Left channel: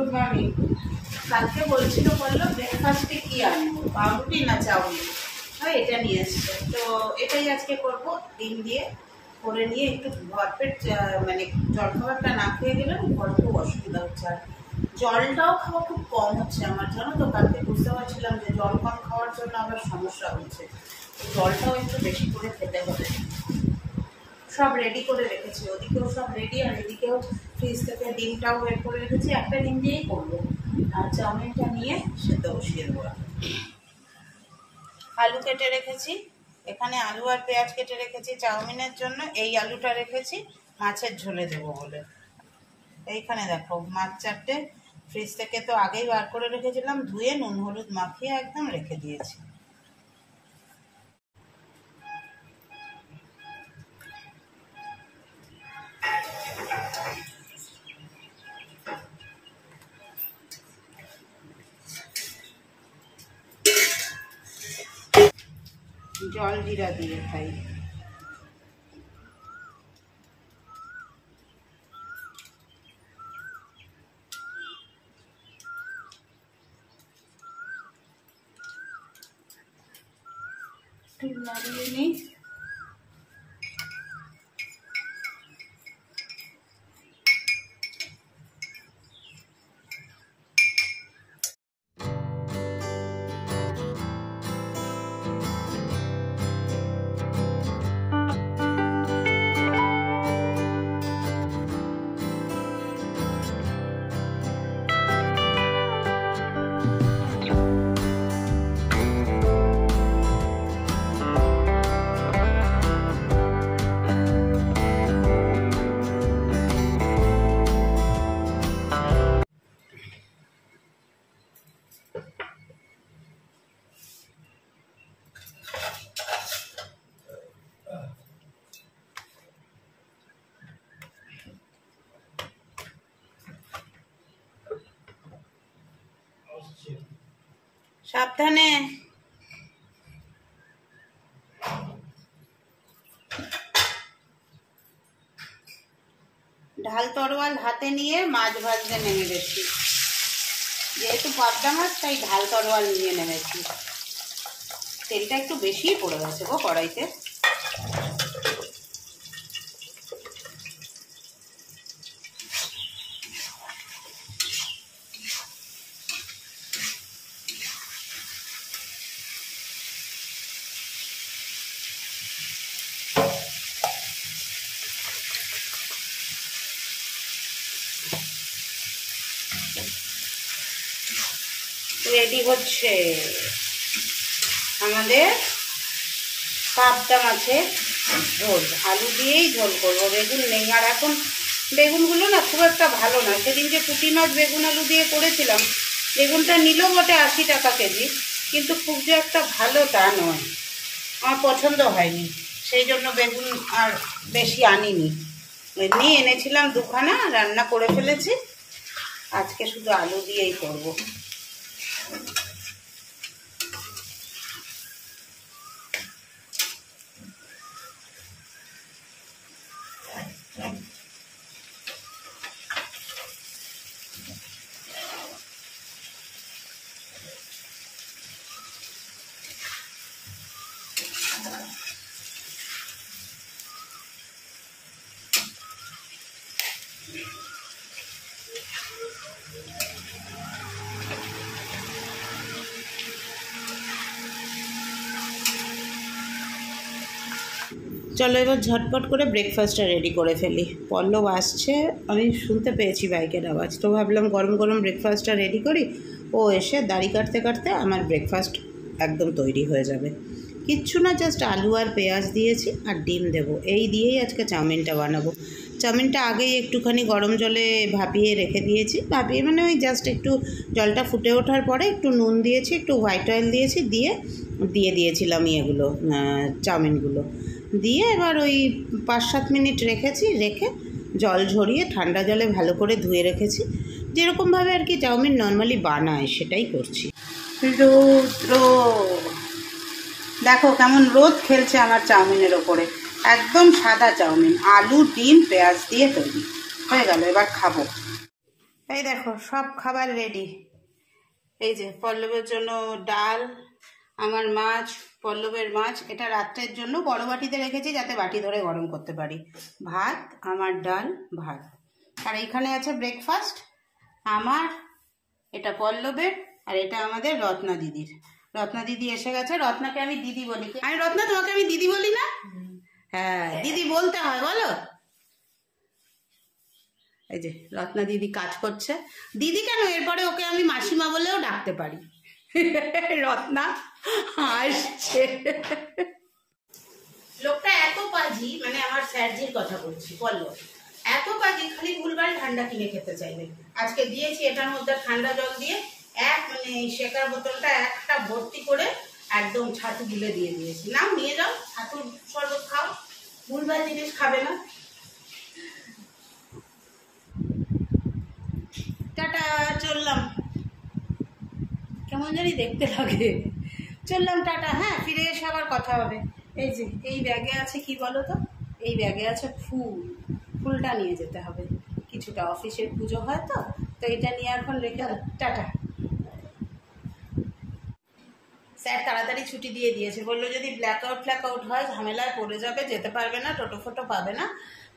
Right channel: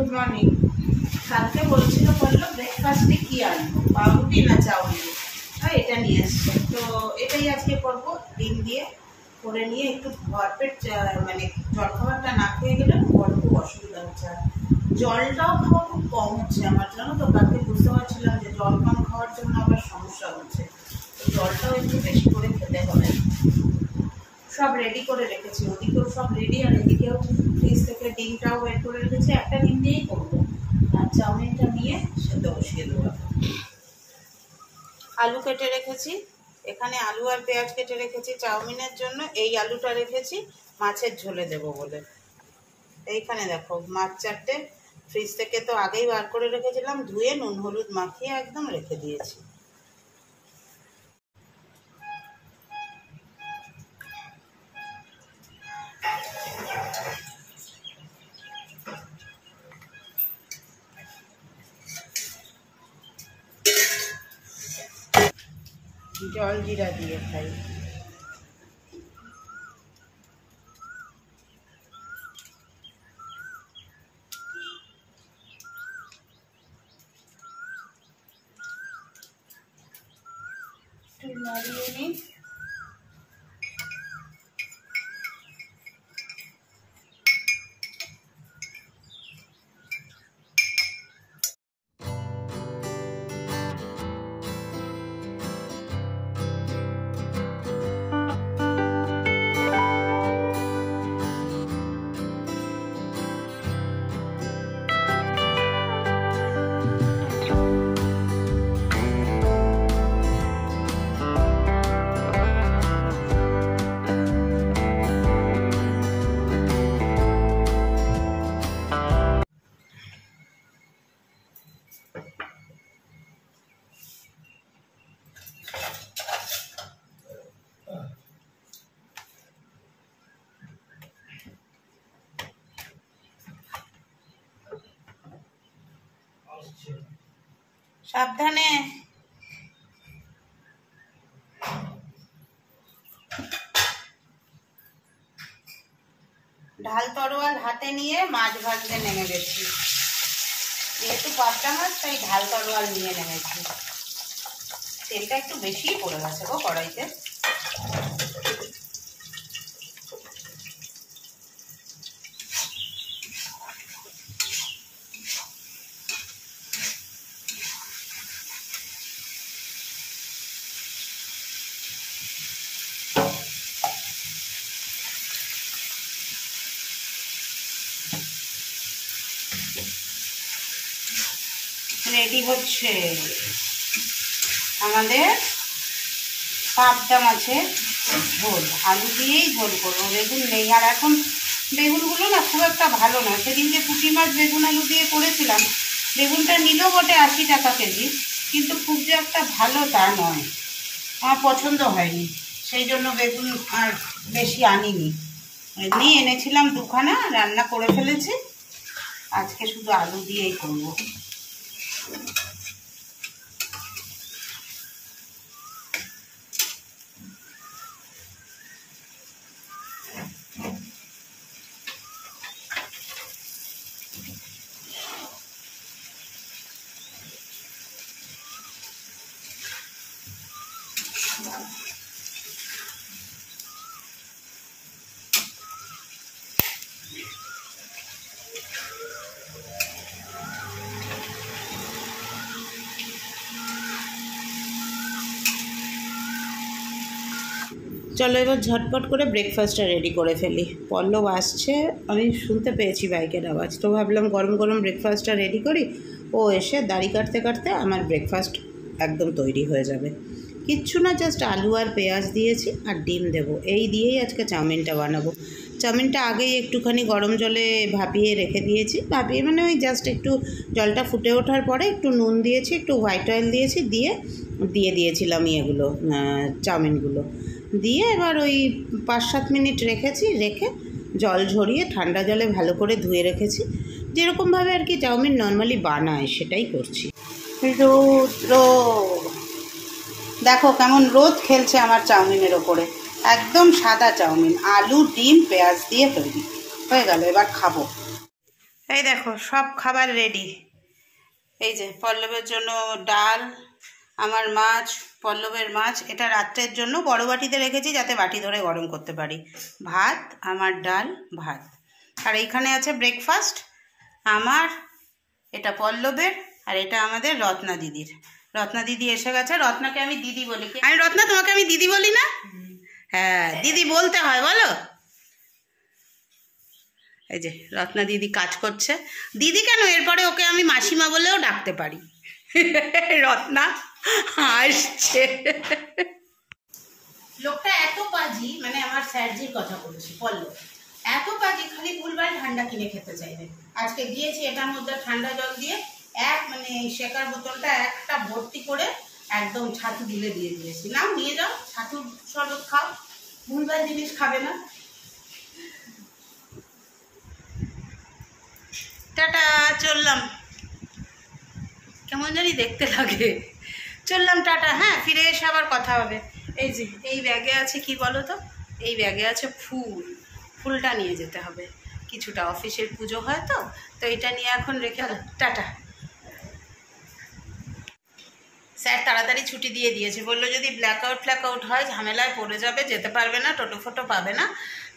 Good morning. কালকে বলছিল বললো ব্রেকফাস্টে কি আনবো, পাউরুটি না চাউমিন, এটা নিয়ে এসছে। তো এটাই আজকে করব, ডিম দিয়ে করে নিয়ে একটু ভরপেট, মানে জলখাবারটা না খেয়ে গেলে বড় খুব অসুবিধা হচ্ছে। আর জলটাও খাওয়া খুব কম হচ্ছে আমার, জানো তো। কালকে বুঝতে পারছিলাম যে জল কম খাওয়ার জন্য আবার সমস্যা হচ্ছে, জলটাও একটু বেশি করে খেতে হবে। সব রেডি করে রেখেছি, ওদিকেও সব রেডি, আর এদিকেও ফ্রিজ থেকে ডিমটাও বের করে রেখেছি। একটা ডিম দিয়েই করবো, আর চাউমিনটা নিয়ে সেদ্ধ বসিয়ে দেবো। আলু কেটে রেখেছি এখানে, আলু আর পেঁয়াজ কেটে রেখেছি চাউমিনের জন্য। এই আলুটা রেখেছি মাছের ঝোলে দেবো বলে। এইখানে দেখো মাছ 4টে ফ্রিজ থেকে তো আগেই বার করে রেখেছিলাম, ধুয়ে নুন হলুদ মাখিয়ে একদম রেখে দিয়েছি। জল জিরা দিয়ে খাই। নাড়িয়ে নিই। সাবধানে। ঢাল তরোয়াল হাতে নিয়ে মাছ ভাজতে নেমে গেছি, যেহেতু পাবদা মাছ তাই ঢাল তরোয়াল নিয়ে নেমেছি। তেলটা একটু বেশিই পড়ে গেছে গো কড়াইতে। রেডি হচ্ছে আমাদের পাবদা মাছের ঝোল। আলু দিয়েই ঝোল করবো, বেগুন নেই। আর এখন বেগুনগুলো না খুব একটা ভালো না। সেদিন যে পুঁটি মাছ বেগুন আলু দিয়ে করেছিলাম, বেগুনটা নিল বটে 80 টাকা কেজি, কিন্তু খুব যে একটা ভালো তা নয়, আমার পছন্দ হয়নি। সেই জন্য বেগুন আর বেশি আনিনি, এমনি এনেছিলাম 2খানা, রান্না করে ফেলেছি। আজকে শুধু আলু দিয়েই করবো। চলো এবার ঝটপট করে ব্রেকফাস্টটা রেডি করে ফেলি। পল্লব আসছে, আমি শুনতে পেয়েছি বাইকের আওয়াজ, তো ভাবলাম গরম গরম ব্রেকফাস্টটা রেডি করি। ও এসে দাড়ি কাটতে কাটতে আমার ব্রেকফাস্ট একদম তৈরি হয়ে যাবে। কিচ্ছু না, জাস্ট আলু আর পেঁয়াজ দিয়েছি আর ডিম দেবো, এই দিয়েই আজকে চাউমিনটা বানাবো। চাউমিনটা আগেই একটুখানি গরম জলে ভাপিয়ে রেখে দিয়েছি। ভাপিয়ে মানে ওই জাস্ট একটু জলটা ফুটে ওঠার পরে একটু নুন দিয়েছি, একটু হোয়াইট অয়েল দিয়েছি, দিয়ে দিয়েছিলাম এগুলো চাউমিনগুলো দিয়ে। এবার ওই 5-7 মিনিট রেখেছি, রেখে জল ঝরিয়ে ঠান্ডা জলে ভালো করে ধুয়ে রেখেছি। যেরকমভাবে আর কি চাউমিন নর্মালি বানায় সেটাই করছি। রৌদ্র দেখো কেমন রোদ খেলছে আমার চাউমিনের ওপরে। একদম সাদা চাউমিন, আলু ডিম পেঁয়াজ দিয়ে তৈরি হয়ে গেল। এবার খাবো। এই দেখো সব খাবার রেডি। এই যে পল্লবের জন্য ডাল, আমার মাছ, পল্লবের মাছ, এটা রাত্রের জন্য বড় বাটিতে রেখেছি যাতে বাটি ধরে গরম করতে পারি। ভাত, আমার ডাল, ভাত। আর এইখানে আছে ব্রেকফাস্ট আমার, এটা পল্লবের, আর এটা আমাদের রত্না দিদির। রত্না দিদি এসে গেছে। রত্নাকে আমি দিদি বলি। আমি রত্না, তোমাকে আমি দিদি বলি না? হ্যাঁ, দিদি বলতে হয়, বলো। এই যে রত্না দিদি কাজ করছে। দিদি কেন, এরপরে ওকে আমি মাসিমা বলেও ডাকতে পারি। রত্না আসছে। লোকটা এত পাজি, মানে আমার স্যারজির কথা বলছি, পল্লব এত পাজি, খালি ভুলভাল ঠান্ডা কিনে খেতে চাইবে। আজকে দিয়েছি এটার মধ্যে ঠান্ডা জল দিয়ে মানে শেকার বোতলটা একটা ভর্তি করে একদম ছাতু গিলে দিয়ে দিয়েছি। নাও নিয়ে যাও, ছাতুর শরবত খাও, ভুলভাল জিনিস খাবে না। টাটা, চললাম। কেমন জানি দেখতে লাগে। চললাম, টাটা। হ্যাঁ, ফিরে এসে আবার কথা হবে। এই যে এই ব্যাগে আছে কি বলো তো, এই ব্যাগে আছে ফুলটা নিয়ে যেতে হবে কিছুটা, অফিসের পুজো হয় তো এটা নিয়ে এখন রেখে। টাটা। স্যার তাড়াতাড়ি ছুটি দিয়ে দিয়েছে, বললো যদি ব্ল্যাকআউট হয় ঝামেলায় পড়ে যাবে, যেতে পারবে না, টোটো ফোটো পাবে না,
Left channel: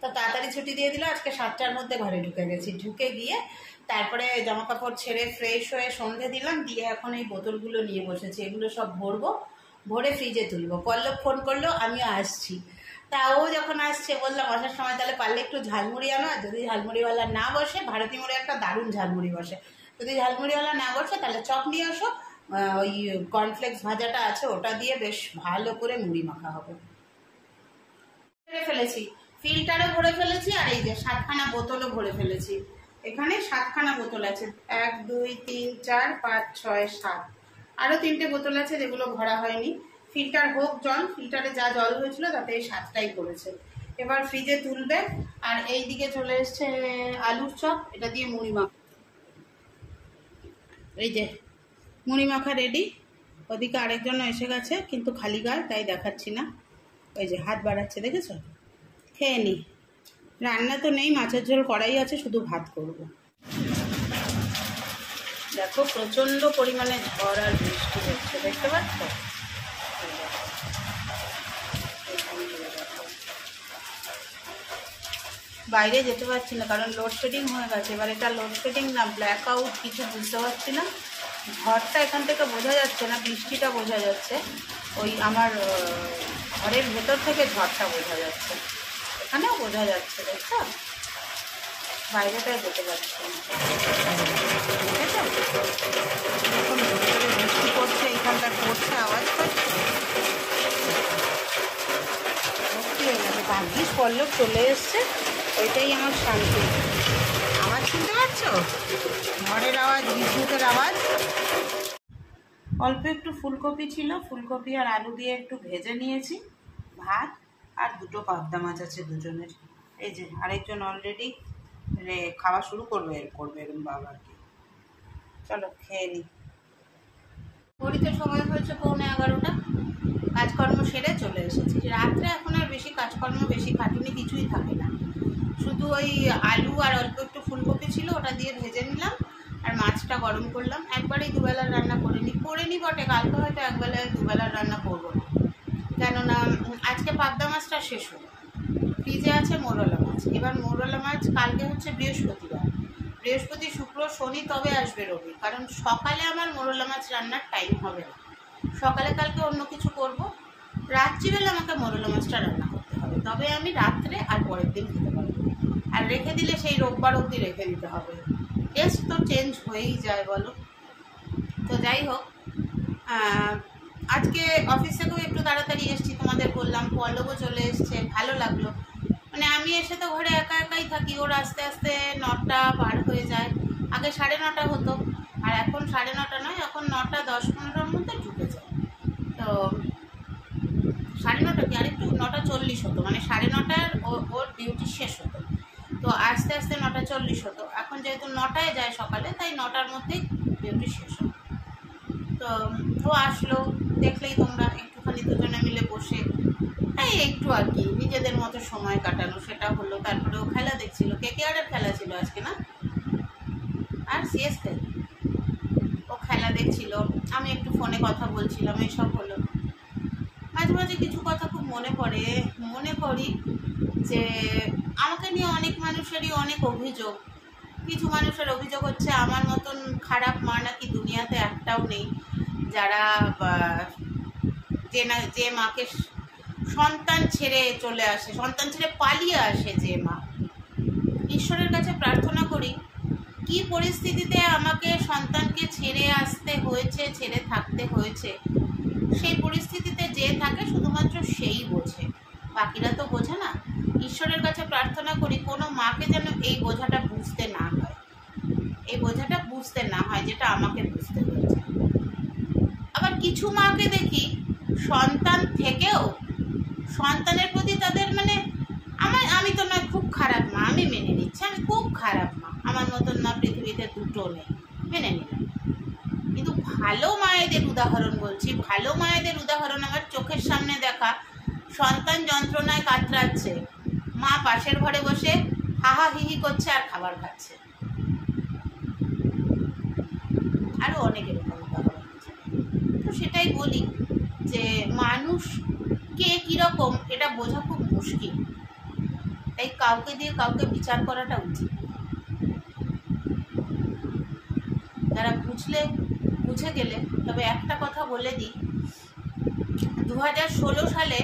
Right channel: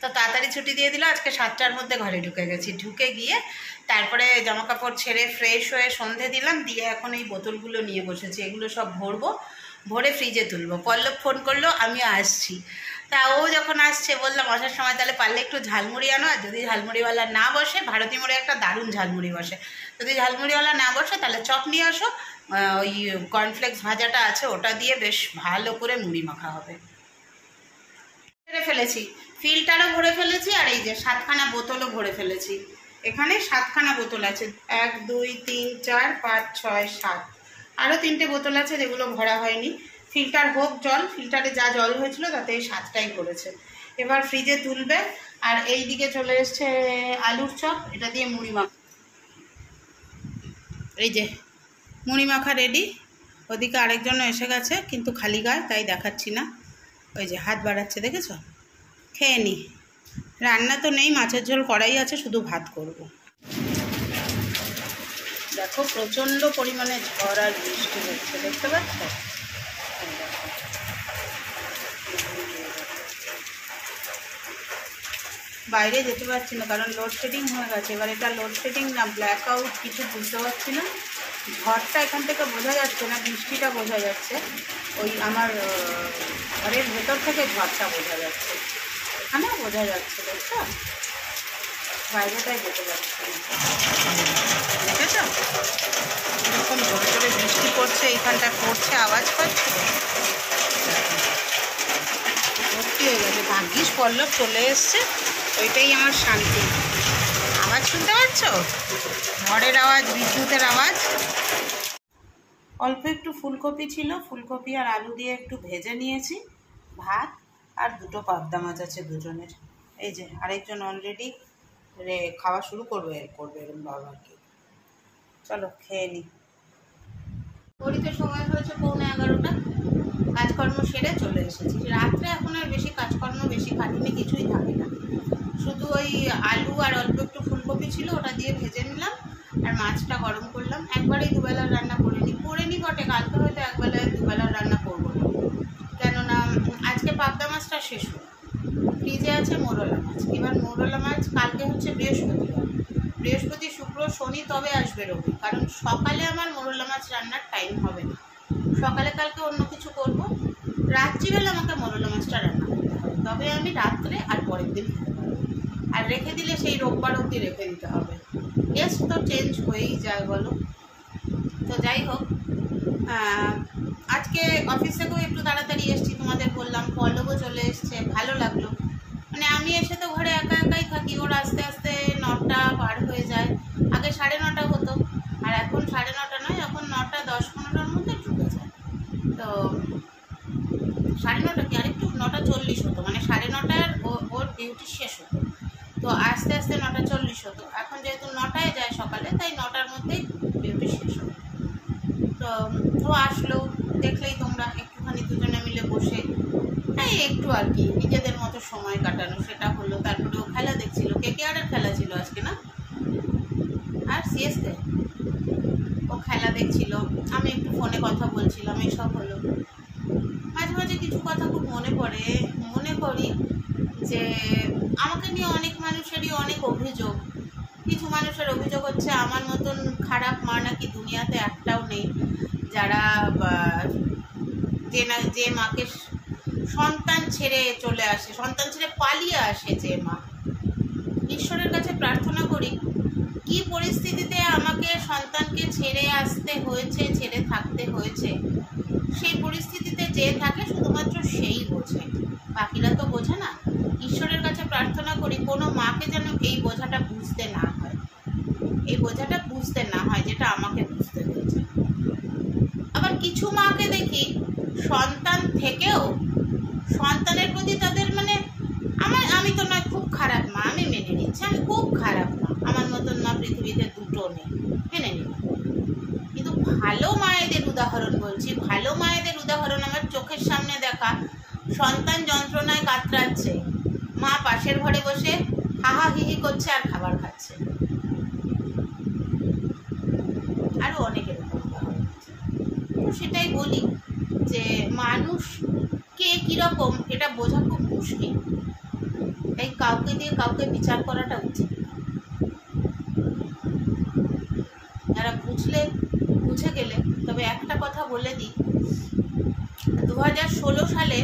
তো তাড়াতাড়ি ছুটি দিয়ে দিল। আজকে 7টার মধ্যে ঘরে ঢুকে গেছি। ঢুকে গিয়ে তারপরে জামা কাপড় ছেড়ে ফ্রেশ হয়ে সন্ধে দিলাম, দিয়ে এখন এই বোতলগুলো নিয়ে বসেছি। এগুলো সব ভরবো, ভরে ফ্রিজে তুলবো। পল্লব ফোন করলো, আমি আসছি। তা ও যখন আসছে বললাম আসার সময় তাহলে পারলে একটু ঝালমুড়ি আনো, আর যদি ঝালমুড়িওয়ালা না বসে, ভারতী মোড়ে একটা দারুণ ঝালমুড়ি বসে, যদি ঝালমুড়িওয়ালা না বসে তাহলে চপ নিয়ে আসো, ওই কর্নফ্লেক্স ভাজাটা আছে ওটা দিয়ে বেশ ভালো করে মুড়ি মাখা হবে। ভরে ফেলেছি, ফিল্টারও ভরে ফেলেছি, আর এই যে 7খানা বোতলও ভরে ফেলেছি। এখানে 7খানা বোতল আছে, 1 2 3 4 5 6 7, আরও 3টে বোতল আছে যেগুলো ভরা হয়নি। ফিল্টার হোক জল, ফিল্টারে যা জল হয়েছিল তাতে এই 7টাই করেছে। এবার ফ্রিজে তুলবে। আর এই দিকে চলে এসছে আলুর চপ, এটা দিয়ে মুড়ি মাখা। এই যে মুড়ি মাখা রেডি। ওদিকে আরেকজনও এসে গেছে, কিন্তু খালি গায়ে, তাই দেখাচ্ছি না। ওই যে হাত বাড়াচ্ছে, দেখেছ? খেয়ে নি। রান্না তো নেই, মাছের ঝোল কড়াই আছে, শুধু ভাত করব। দেখো প্রচণ্ড পরিমাণে ঝড় আর বৃষ্টি হচ্ছে, দেখতে পাচ্ছ? বাইরে যেতে পারছি না কারণ লোডশেডিং হয়ে গেছে। এবার এটা লোডশেডিং না ব্ল্যাকআউট কিছু বুঝতে পারছি না। ঝড়টা এখান থেকে বোঝা যাচ্ছে না, বৃষ্টিটা বোঝা যাচ্ছে। ওই আমার ঘরের ভেতর থেকে ঝড়টা বোঝা যাচ্ছে, এখানেও বোঝা যাচ্ছে, দেখছো? বাইরেটায় যেতে পারছি না, দেখেছ? এরকম জোরে জোরে বৃষ্টি পড়ছে, এইখানটায় পড়ছে, আওয়াজ পাচ্ছে, ভর্তি হয়ে গেছে। ভাগ্যিস পল্লব চলে এসছে, ওইটাই আমার শান্তি। আওয়াজ শুনতে পাচ্ছ? ঝড়ের আওয়াজ, বিদ্যুতের আওয়াজ। অল্প একটু ফুলকপি ছিল, ফুলকপি আর আলু দিয়ে একটু ভেজে নিয়েছি। ভাত আর 2টো পাবদা মাছ আছে দুজনের। এই যে আরেকজন অলরেডি খাওয়া শুরু করবে এরকম বাবা আর কি। চলো খেয়ে নিই। ঘড়িতে সময় হয়েছে 11:15। কাজকর্ম সেরে চলে এসেছি। রাত্রে এখন আর বেশি কাজকর্ম, বেশি খাটুনি কিছুই থাকে না। শুধু ওই আলু আর অল্প একটু ফুলকপি ছিল, ওটা দিয়ে ভেজে নিলাম, আর মাছটা গরম করলাম। একবারেই দুবেলার রান্না করে নিই বটে, কালকে হয়তো একবেলায় দুবেলার রান্না করবো না, কেননা আজকে পাবদা মাছটা শেষ হলো। ফ্রিজে আছে মোরলা মাছ। এবার মোরলা মাছ কালকে হচ্ছে বৃহস্পতিবার, বৃহস্পতি শুক্র শনি তবে আসবে রবি, কারণ সকালে আমার মোরলা মাছ রান্নার টাইম হবে না। সকালে কালকে অন্য কিছু করব, রাত্রিবেলা আমাকে মোরলা মাছটা রান্না করতে হবে, তবে আমি রাত্রে আর পরের দিন খেতে পারবো। আর রেখে দিলে সেই রোববার অবধি রেখে দিতে হবে। টেস্ট তো চেঞ্জ হয়েই যায় বলো। তো যাই হোক, আজকে অফিস থেকেও একটু তাড়াতাড়ি এসেছি, তোমাদের বললাম। পল্লবও চলে এসছে, ভালো লাগলো। মানে আমি এসে তো ঘরে একা একাই থাকি, ওর আস্তে আস্তে 9টা পার হয়ে যায়। আগে 9:30 হতো, আর এখন 9:30 নয়, এখন 9টা 10-15-র মধ্যে ঢুকে যায়। তো 9:30 কি আরেকটু 9:40 হতো, মানে 9:30 ওর ডিউটি শেষ হতো। তো আস্তে আস্তে 9:40 হতো। এখন যেহেতু 9টায় যায় সকালে, তাই 9টার মধ্যেই ডিউটি শেষ হতো। তো ও আসলো, দেখলেই তোমরা, একটুখানি দুজনে মিলে বসে এই একটু আর কি নিজেদের মতো সময় কাটানো, সেটা হলো। তারপরে ও খেলা দেখছিল, KKR-এর খেলা ছিল আজকে, না? আর সিএসকে ও খেলা দেখছিল, আমি একটু ফোনে কথা বলছিলাম, এইসব হলো। মাঝে মাঝে কিছু কথা খুব মনে পড়ে, মনে করি যে আমাকে নিয়ে অনেক মানুষেরই অনেক অভিযোগ। কিছু মানুষের অভিযোগ হচ্ছে আমার মতন খারাপ মা নাকি দুনিয়াতে একটাও নেই, যারা যে মাকে সন্তান ছেড়ে চলে আসে, সন্তান ছেড়ে পালিয়ে আসে যে মা। ঈশ্বরের কাছে প্রার্থনা করি, কি পরিস্থিতিতে আমাকে সন্তানকে ছেড়ে আসতে হয়েছে, ছেড়ে থাকতে হয়েছে, সেই পরিস্থিতিতে যে থাকে শুধুমাত্র সেই বোঝে, বাকিরা তো বোঝে না। ঈশ্বরের কাছে প্রার্থনা করি কোনো মাকে যেন এই বোঝাটা বুঝতে না হয়, এই বোঝাটা বুঝতে না হয় যেটা আমাকে বুঝতে হয়েছে। আবার কিছু মাকে দেখি সন্তান থেকেও সন্তানের প্রতি তাদের আমি তো নয় খুব খারাপ মা, আমি মেনে নিচ্ছি আমি খুব খারাপ মা, আমার মতন মা পৃথিবীতে দুটো নেই, মেনে নিলাম। কিন্তু ভালো মায়েদের উদাহরণ বলছি, ভালো মায়েদের উদাহরণ আমার চোখের সামনে দেখা। সন্তান যন্ত্রণায় কাতরাচ্ছে, মা পাশের ঘরে বসে হাহা হিহি করছে আর খাবার খাচ্ছে। আরো অনেক এরকম উদাহরণ আছে। তো সেটাই বলি যে মানুষ কে কিরকম এটা বোঝা খুব মুশকিল, তাই কাউকে দিয়ে কাউকে বিচার করাটা উচিত। যারা বুঝে গেলে। তবে একটা কথা বলে দিই, 2016 সালে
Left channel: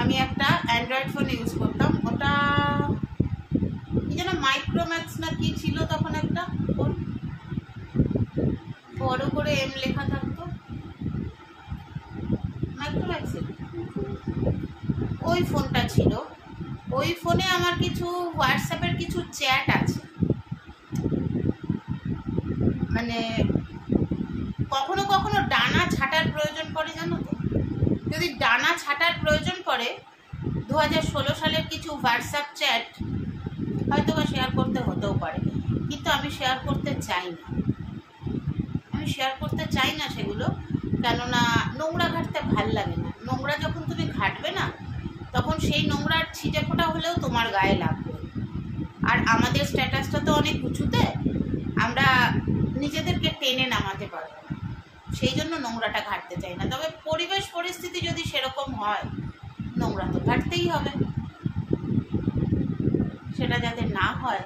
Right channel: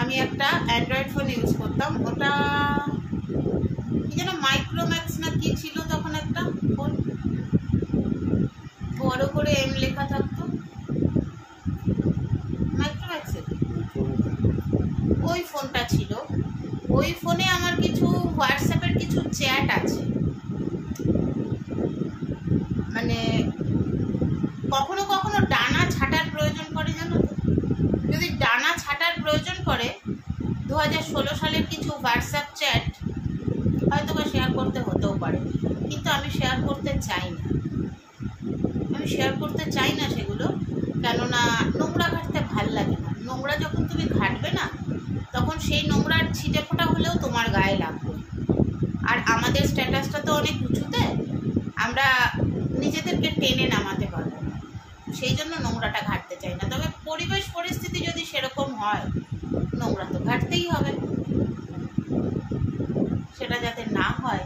আমি একটা অ্যান্ড্রয়েড ফোন ইউজ করতাম, ওটা কি যেন মাইক্রোম্যাক্স না কি ছিল তখন, একটা ফোন বড় করে এম লেখা থাকতো, মাইক্রোম্যাক্সের ওই ফোনটা ছিল। ওই ফোনে আমার কিছু হোয়াটসঅ্যাপের কিছু চ্যাট আছে, কখনো কখনো ডানা ছাটার প্রয়োজন পড়ে, জানো তো? যদি ডানা ছাটার প্রয়োজন পড়ে 2016 সালের কিছু হোয়াটসঅ্যাপ চ্যাট হয়তো বা শেয়ার করতে হতেও পারে, কিন্তু আমি শেয়ার করতে চাই না সেগুলো, কেননা নোংরা ঘাটতে ভাল লাগে না। নোংরা যখন তুমি ঘাটবে না, তখন সেই নোংরার ছিটে ফোঁটা হলেও তোমার গায়ে লাগবে। আর আমাদের স্ট্যাটাসটা তো অনেক উঁচুতে, আমরা নিজেদেরকে টেনে নামাতে পারবো না, সেই জন্য নোংরাটা ঘাটতে চাই না। তবে পরিবেশ পরিস্থিতি যদি সেরকম হয়, নোংরা তো ঘাটতেই হবে। সেটা যাতে না হয়,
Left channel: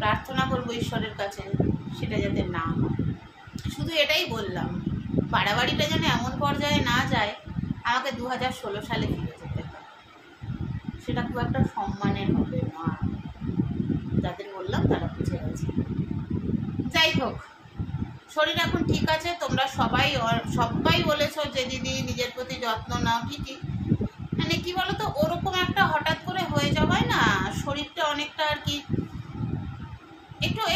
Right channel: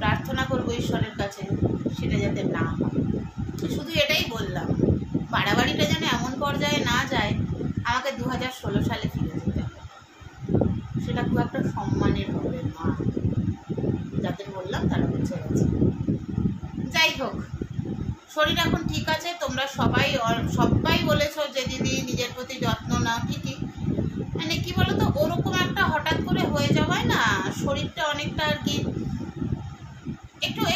প্রার্থনা করবো ঈশ্বরের কাছে সেটা যাতে না হয়। শুধু এটাই বললাম, বাড়াবাড়িটা যেন এমন পর্যায়ে না যায় আমাকে 2016 সালে ফিরে যেতে হয়। সেটা খুব একটা সম্মানের হবে মা, যাদের বললাম তারা বুঝে গেছে। যাই হোক, শরীর এখন ঠিক আছে। তোমরা সবাই বলেছো যে দিদি নিজের প্রতি যত্ন নাও, ঠিকই। কি বলতো, ওরকম একটা হঠাৎ করে হয়ে যাওয়ায় না শরীরটা অনেকটা আর কি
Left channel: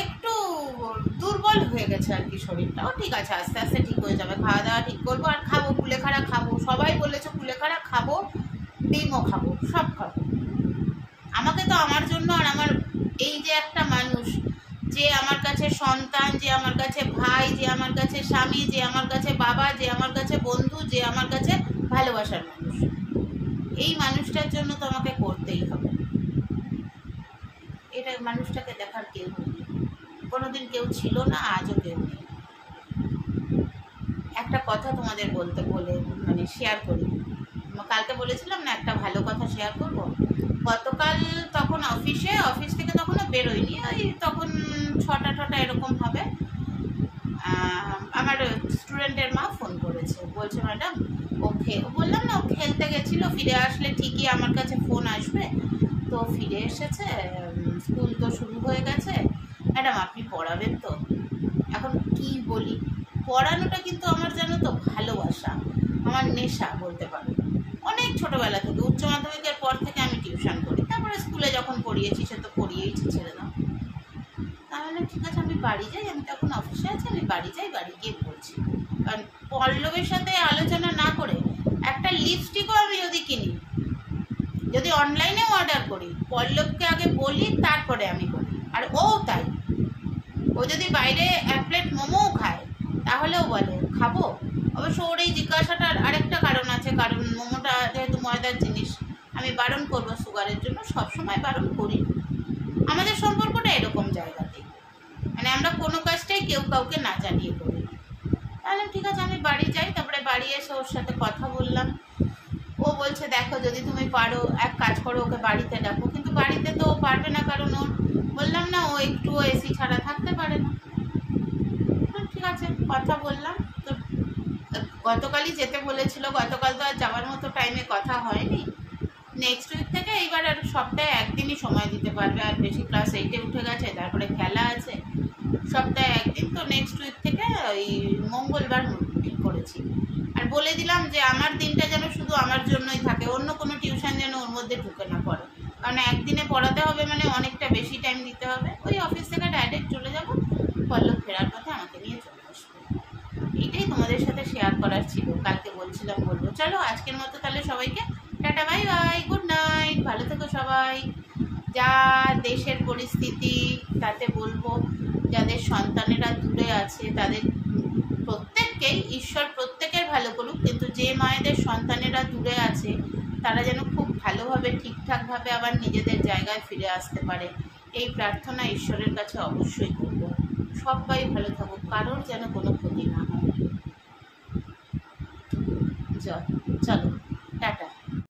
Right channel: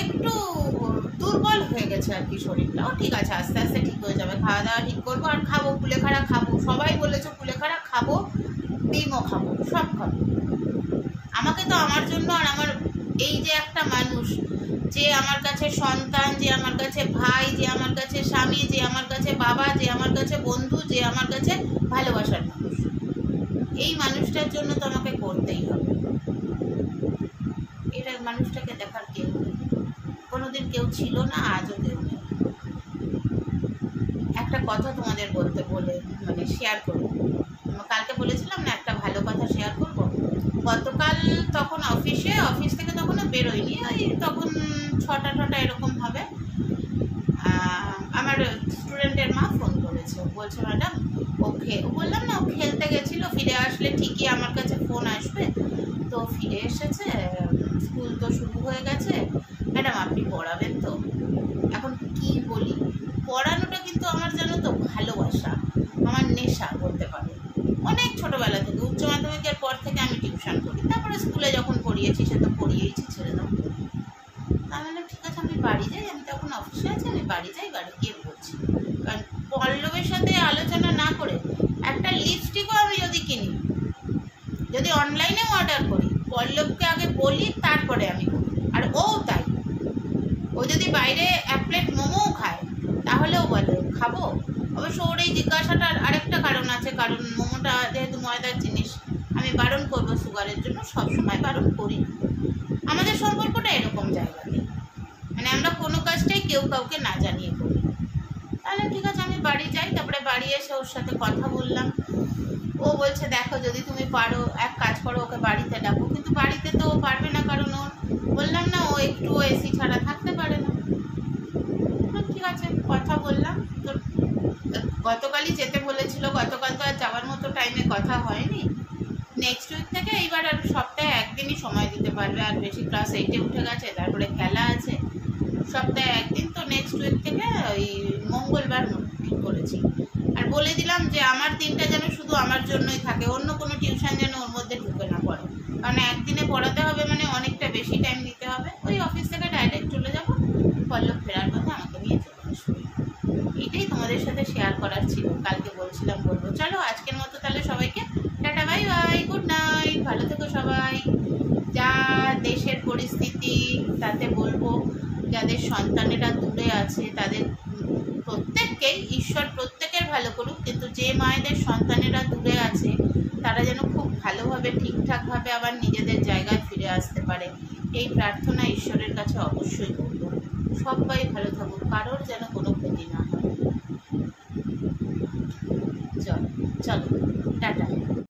একটু দুর্বল হয়ে গেছে আর কি। শরীরটাও ঠিক আছে, আস্তে আস্তে ঠিক হয়ে যাবে। খাওয়া দাওয়া ঠিক করবো, আর খাবো কুলেখাড়া খাবো। সবাই বলেছো কুলেখাড়া খাবো, ডিমও খাবো, সব খাবো। আমাকে তো আমার জন্য, আর আমার এই যে একটা মানুষ যে আমার কাছে সন্তান, যে আমার কাছে ভাই, যে আমার কাছে স্বামী, যে আমার কাছে বাবা, যে আমার কাছে বন্ধু, যে আমার কাছে ভালোবাসার মানুষ, এই মানুষটার জন্য তো আমাকে করতেই হবে। এটা মানুষটাকে দেখার কেউ নেই, কোনোদিন কেউ ছিল না, আজও কেউ নেই। একটা কথা তোমাদের বলে শেয়ার করি। কালকে বলেছিলাম না একটা ভালো কথা শেয়ার করব। গতকাল তখন অফিস থেকে তখনও বেরোয়নি, ওই তখন 6টা এরকম হবে। আমার স্টুডেন্টের মা ফোন করেছে, বলছে ম্যাডাম বললাম না ও খেলতে গেছিলো, ফিরে আসলে ঠিকই আমার কাছে ফোন আসবে। তো ফিরে এসেছে, স্কুল তো শুরু হয়ে গেছে, ম্যাডাম আপনি পড়াবেন তো? এখন কি বলি, পড়ানোটা কিন্তু আমার জানো তো ভালোবাসা, আমার নেশা বলতে পারো। অনেক ছোটোবেলা থেকে, উচ্চ মাধ্যমিকের পর থেকে আমি টিউশন করি, তারপরে স্কুলে যখন পড়িয়েছি সে তো পড়িয়েইছি, ছেড়ে দাও। তাহলে ঠিক আছে আমি বাড়ি যাই, আমি তখন অফিসে আছি, আমি বাড়ি যাই, বাড়ি গিয়ে পড়ছি। কারণ পল্লবের সাথে আলোচনা না করে একটা লিপস্টিকও আমি যদি কিনি, যদি অনলাইনেও অর্ডার করি, পল্লবকে আগে বলি তারপরে আমি করি। আর ও তাই, ও যদি বাইরে 1 প্লেট মোমোও খায় তাহলেও বলে খাবো। অবশ্য ওর এই জিজ্ঞাসাটার আরেকটা কারণ আছে, কারণ মোমোটা যেহেতু ময়দার জিনিস, আমি বারণ করবো সুগারের জন্য, সবসময় বারণ করি। আমাদের সম্পর্কটা এরকম জায়গাতে, মানে আমরা কোনো কাজটাই কেউ কাউকে না জানিয়ে করি। তাহলে ঠিক আছে, আমি বাড়ি যাই। তারপরে বাড়ি এসে ওর সাথে কথা বললাম। ও বলছে দেখো যদি তুমি পারো এক কাজ করো, ওকে বাড়িতে ডাকো। কিন্তু বাড়িতে তো ও পারবে না, কারণ ওর বললাম না ও একটুও এসি ছাড়া থাকতে পারে না। ঠিক আছে, কথা বললাম। তো গতকালই যেতে বলেছিল, গতকাল তো আর যাওয়ার মতো টাইমে কথা হয়নি। নেক্সট উইক থেকে এইবার আর সপ্তাহে একদিনই সময় দিতে পারবে, আর বেশি ক্লাস 8-এ উঠে গেছে, তারপরে খেলা আছে, সপ্তাহে একদিন। তো নেক্সট উইক থেকে ওই মঙ্গলবার ঠিক করেছি। আর বলে দিলাম যে আমার দিনটা যেন শুধু আমার জন্যই থাকে, অন্য কোনো টিউশন যেন ওর মধ্যে ঢুকে না পড়ে, কারণ একদিনে পড়াতে হবে মানে অনেকটা বেশি টাইম দিতে হবে। ওই অফিস থেকে ডাইরেক্ট চলে যাব, পল্লব ফেরার পথে আমাকে নিয়ে চলে আসবে। এইটাই তোমাদের সাথে শেয়ার করার ছিল, কালকে বলছিলাম বলবো। চলো আজকের মতো তাহলে সবাইকে tata, bye bye, good night, ভালো থেকো সবাই। যা দেশের পরিস্থিতি তাতে বলবো যাদের সন্তানেরা দূরে আছে তাদের প্রত্যেককেই ঈশ্বর প্রত্যেকের ভালো করুক, কিন্তু যে মায়েদের সন্তানেরা দূরে আছে তারা যেন খুব ভালোভাবে ঠিকঠাকভাবে আবার নিজেদের জায়গায় ফিরে আসতে পারে, এই প্রার্থনা ঈশ্বরের কাছে অবশ্যই করব। সবাই ভালো থাকুক, কারোর যেন কোনো ক্ষতি না হয়। চলো টাটা।